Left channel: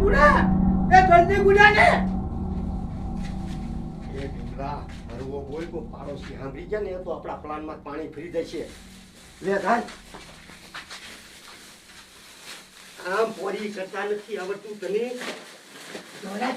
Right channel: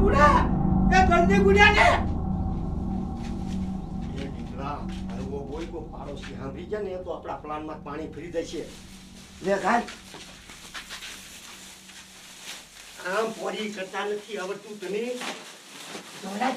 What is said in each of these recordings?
બુડા એ જલ્દી બુડા ને એ દીકરા હરવો બોલ કો પાડોશી સાંભળી જાય ને તો આપણા પ્લાનમાં પાણી ફરી જશે લે ગાય આમ પોરી કરતા નથી આવડતું તને જોરાય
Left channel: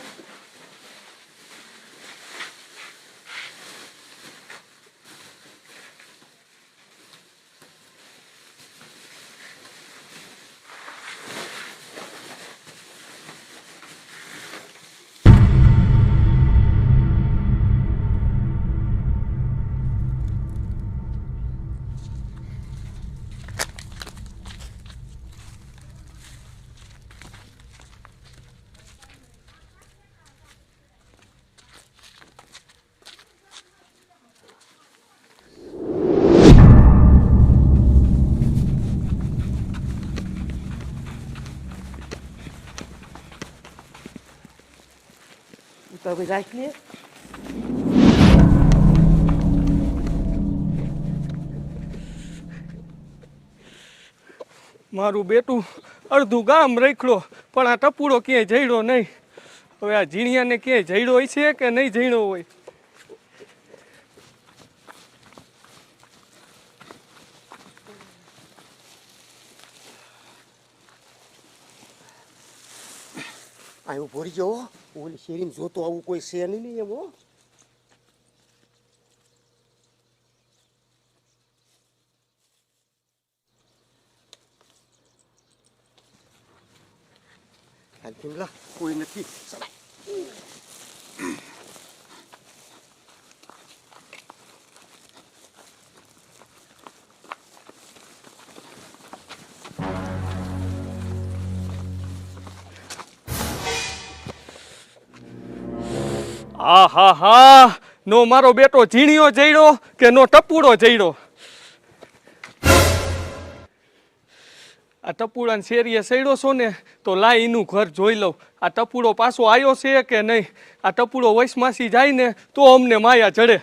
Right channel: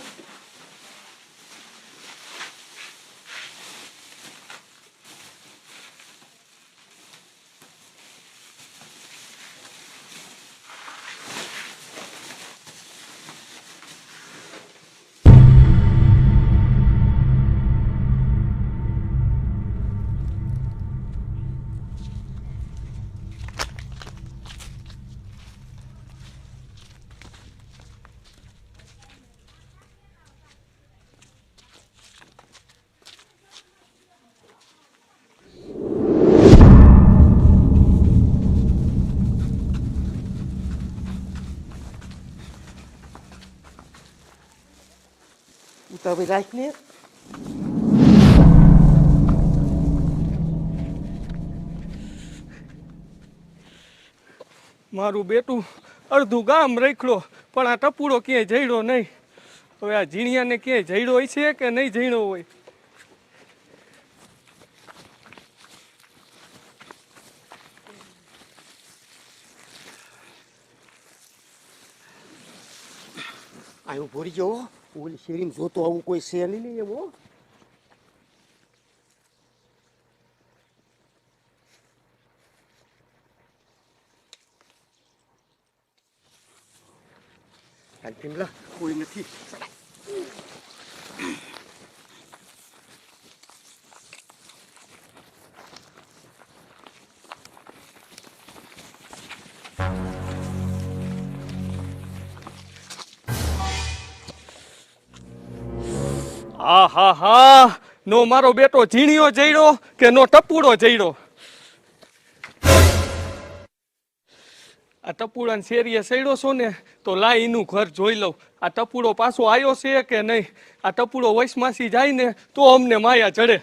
તો હવે રાખ ને મારું બેટું અડધું ગામ રખડો પણ આ ટપુડો ક્યાંય જઈડો નહીં. હવે આ ઝીણિયાને ક્યાંય જઈડો હોય છે કે નહીં જઈડો હોય? અહીં ભરી જવો ઓલી શેરીમાં જોતો આવું કોઈ છે નહીં એવો હાલ ભીમલા કોઈ નથી આ હા હા, નો મારો બેટો ઝીણિયો જઈડો કે નો ટપુડો જઈડો? આ ટપુડાને શેરીએ સડ્યો છો ને તો લાય એનું ઘર જોઈ લઉં. આ ટપુડો પાછો આવ્યો છે કે નહીં? આ ટપુડો વૈશમાસી જાય ને તો અમને માયા ચડે.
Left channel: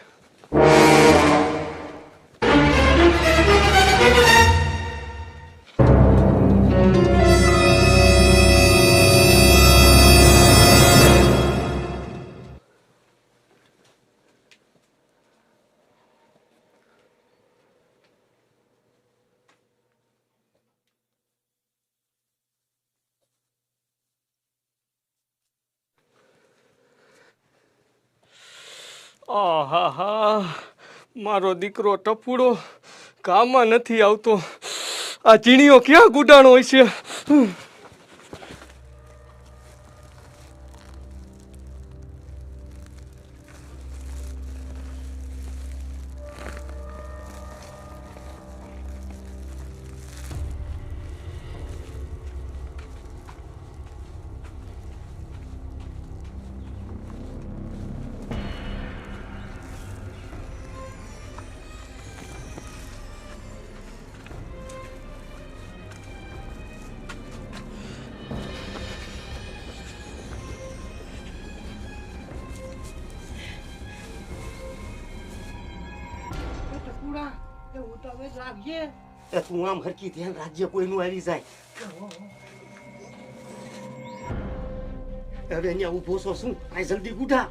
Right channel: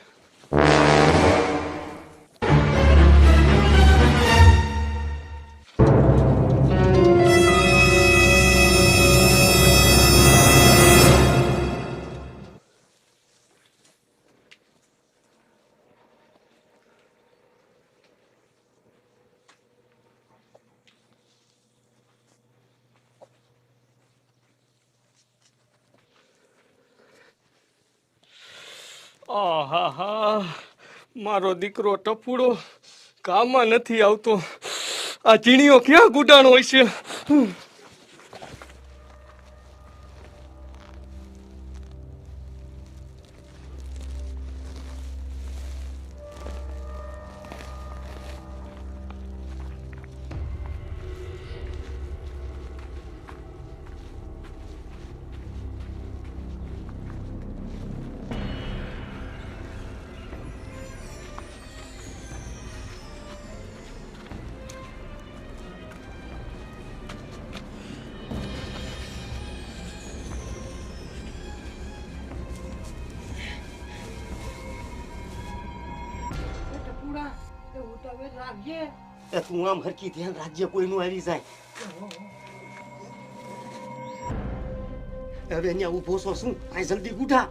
આહા હા, મારો દીકરો ટપુડો કામમાં નથી આવતો. આ ઝીણીઓ ક્યાં ગુડાણો હોય છે? તું આમ હરકી ધ્યાન રાખજે કોઈનું આવી જાય. હવે અહીંયા ઉભો છો શું? આ જલ્દી ગુડા.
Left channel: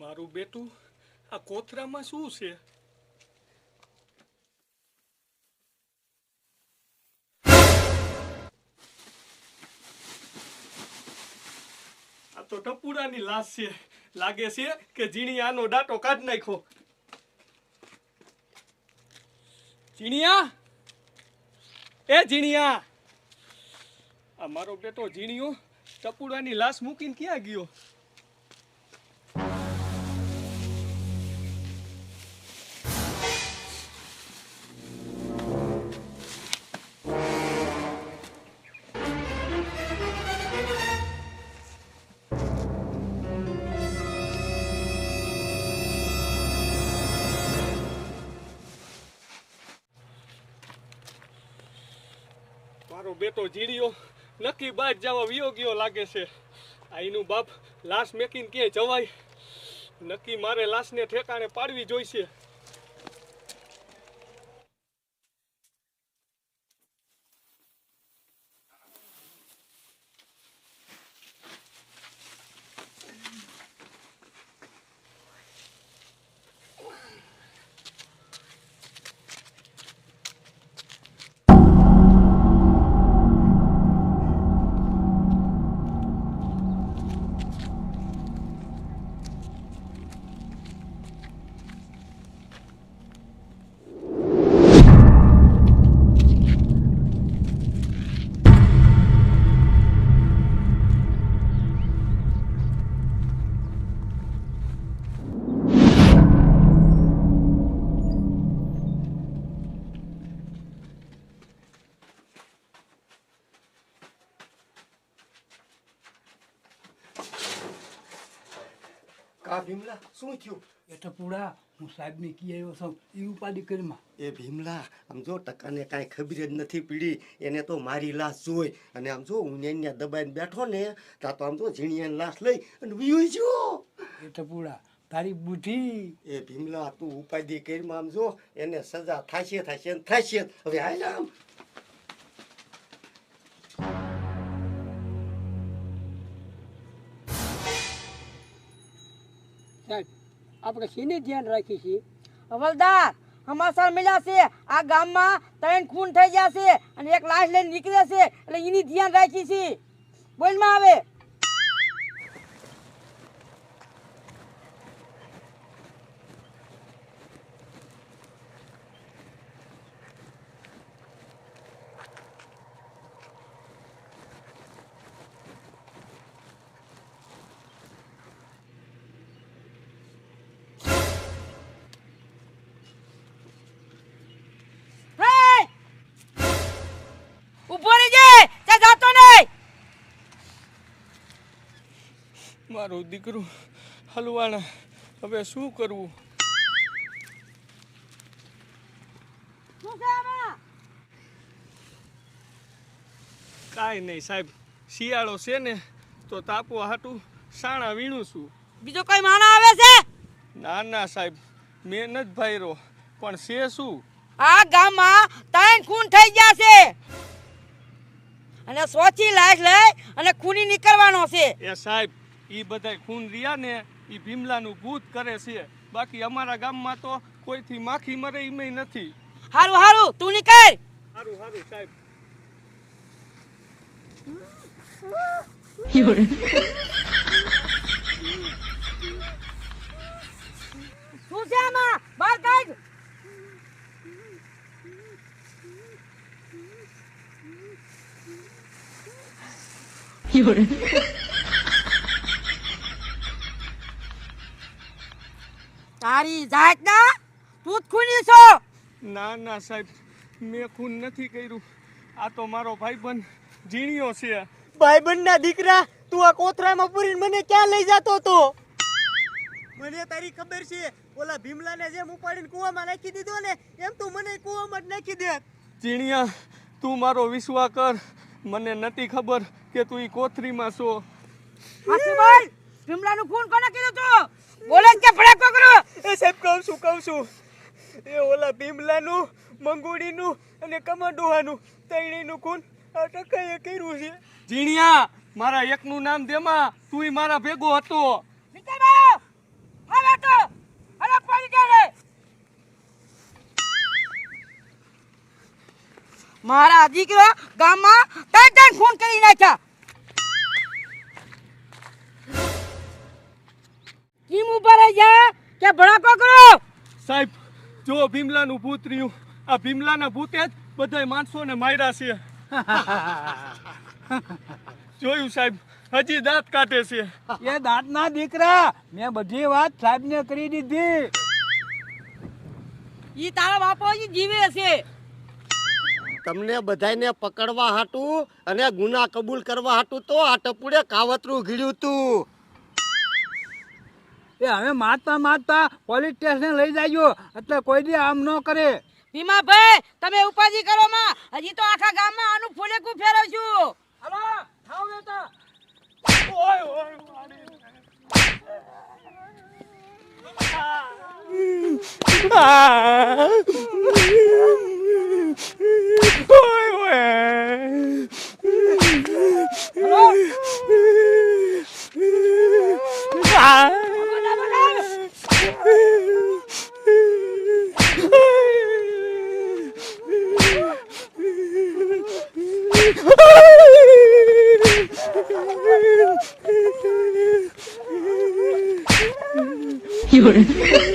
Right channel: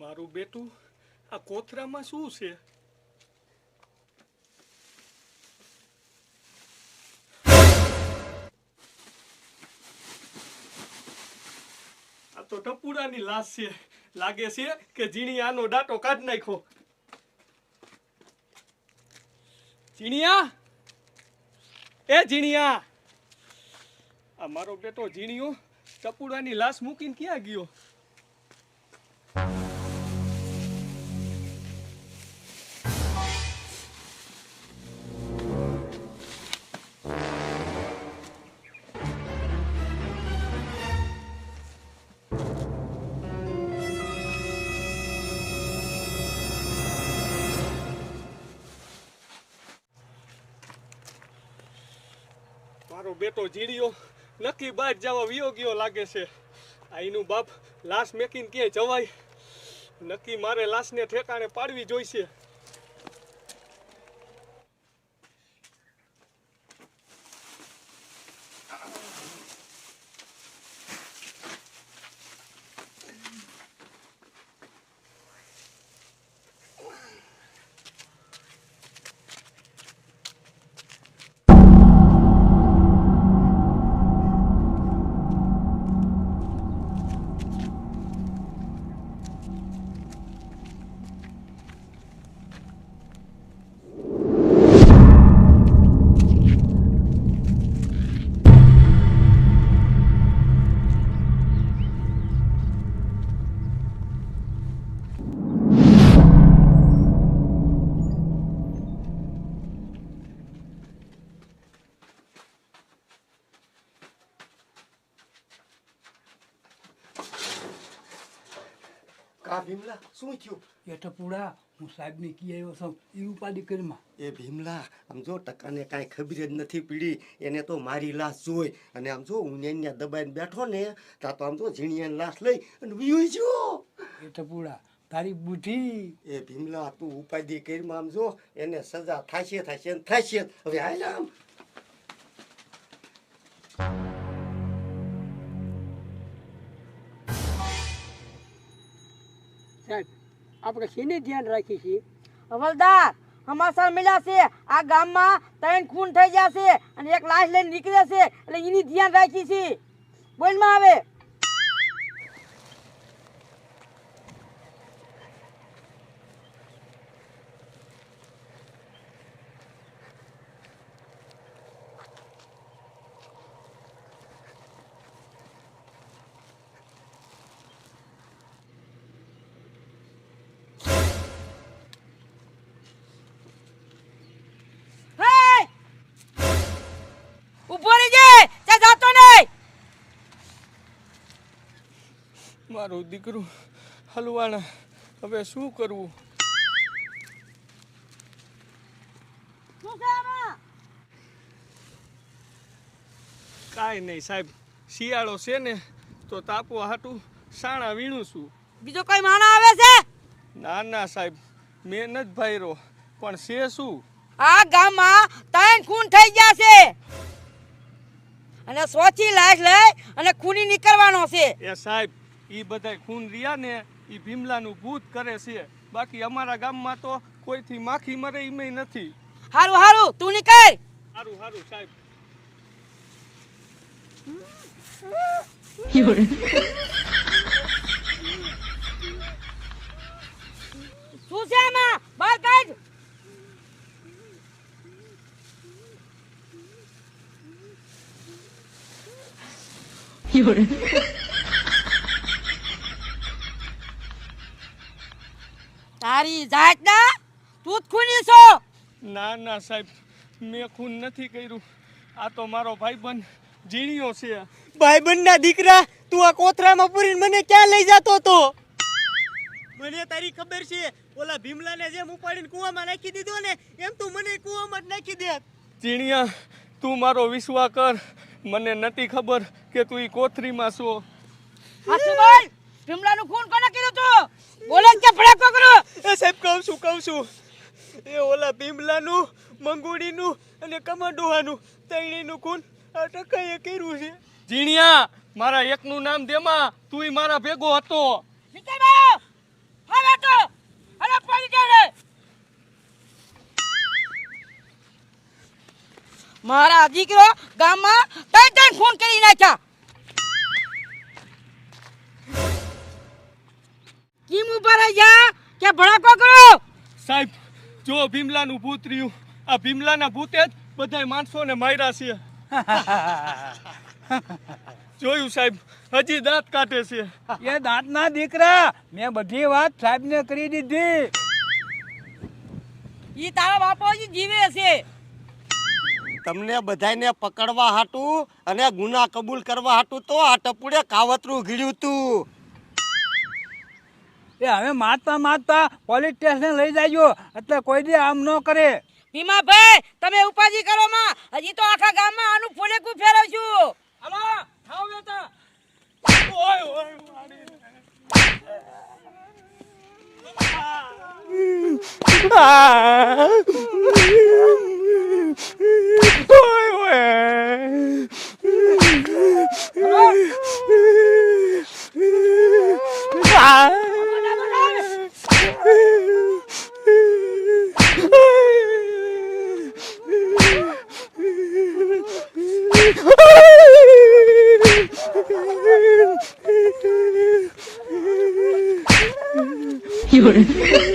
મારું બેટું આ કોથરામાં શું છે? આ તો ટપુડાની લાશ છે. લાગે છે કે ઝીણિયાનો ડાટો કાઢ નાખ્યો. ઝીણિયા, એ ઝીણિયા, આ મારો બેટો ઝીણિયો ટપુડાની લાશ મૂકીને ક્યાં ગયો? મારો બેટો જીડ્યો નક્કી બહાર જવા વિયો ગયો લાગે છે. આ એનું બાપ લાશ મેકીને ક્યાંય જવાય? નક્કી મારે લાશને ઠેકાણે પાડવી જોઈશે. કા ભીમલા શું થયું? એ ટપુડા હું સાહેબને કી આવ્યો છું એ ઉપાધિ કરીમાં. એ ભીમલા આમ જો ટકાને કાંઈ ખબર જ નથી પડી. એને તો મારી લાશ જોઈ અને આમ જો હું ત્યાં દબાઈને બેઠો ને ત્યાં તો આમ જો ઝીણીયાની લાશ લઈ અને વિયો જો. એ ટપુડા તારી બુદ્ધિ. એ ભીમલા તું ઉપાધિ કરીમાં આમ જો એને સજા થશે ને થશે. હવે હાલ આમ સાહેબ આપણે શેને ધ્યાન રાખી છીએ? હવલદાર સમાચાર મળ્યા છે આ ગામમાં 3 ખૂન થઈ ગયા છે અને એક લાશ લઈને નીકળે છે એટલે એની ધ્યાન રાખી છે. બોલમાં આવે. ઉભો રહેજે, તે જાતો નહીં. મારું દીકરું હલવાણા, હવે શું કરવું? શું છે આમાં? કાંઈ નહીં સાહેબ, શિયાળો છે ને તો તાપવા હાટું સાણા વીણું છું. બીજો કોઈ માણા આવે છે? ના ના સાહેબ, મેં નથી ભાઈરો, પણ છે શું? આ ગામમાં 3 ખૂન થઈ ગયા છે અને 100 લાશ લઈ અને ખૂની નીકળવાનો છે. એ સાહેબ, ઈ બધાય ખૂન રહ્યા ને ઈ ભીમલાનું ભૂત કરે છે. બાકી અમારા ગામમાં તો કોઈથી માખી મરે ઈમેય નથી. હારું હારું તું નીકળ. સારું સારું સાહેબ. શું છે આમાં? બહાર કાઢ. તારી જાત ના તું જ ખૂની છો. ના ના સાહેબ, મેં ખૂન નથી કર્યું. આ તો મારો ભાઈબંધ જીણ્યો છે. ભાઈબંધના દીકરા, તું આ કોથરામાં પૂરીને મને ક્યાં લઈ જતો હતો? મને તારી ખબર છે, ઓલા ભીમલાને જેમ ઉપાડીને કૂવામાં નાખી દીધો ને એમ તું મને કૂવામાં જ નાખી દે. જીણિયા, તું મારો વિશ્વાસ કર. મને નથી ખબર કે તું ઈ કોથરીમાં છો. હાચું બોલ, ભીમલાનું ખૂન કોને કર્યું તું? બોલે કે ફડાકો કરો. એ સાહેબ કહું છું એ ઓલા ભીમલાનું, મંગુડીનું અને કમંડોહાનું ત્રણેયનું ખૂન આ ટકાએ કર્યું છે. જીણિયા, મારા એકનું નામ દેમાં, તું મારા ભેગો હતો. નીકળ બાયો. હવે તો અરે પડી જાય. મારા દીકરો ગામમાં 3 ખૂન કરી નાખ્યા. કેમ ઉભા રહી જા કે ભડાકો કરો? સાહેબ, જો ભીમલાનું ભૂત રહ્યું. આ ભીમલાના ભૂતે જ બધાય માણસોને માર્યા છે. જોયું સાહેબ, હજી દાંત કાઢે છે. એ દાંતના દીકરા, મેં બધી વાત સાહેબને કરી દીધી. ઈ તારા બાપો જ જીવે છે. તમને બધાને પકડવા હાટું અને ગુના કબૂલ કરવા હાટું તો આ ટપુડે કાવતરું ઘીડ્યું તું. એ હવે મારતા પોલીસ સ્ટેશન લઈ જાજો એટલે કોઈ દી આમ ન કરે. ભીમાભાઈ તમે ઉપાધિ કરો માં, હજી તો આખા ગામમાં આનું ફોલેકું ફેરવશું. હાલો ખાઓ બેટા.有人。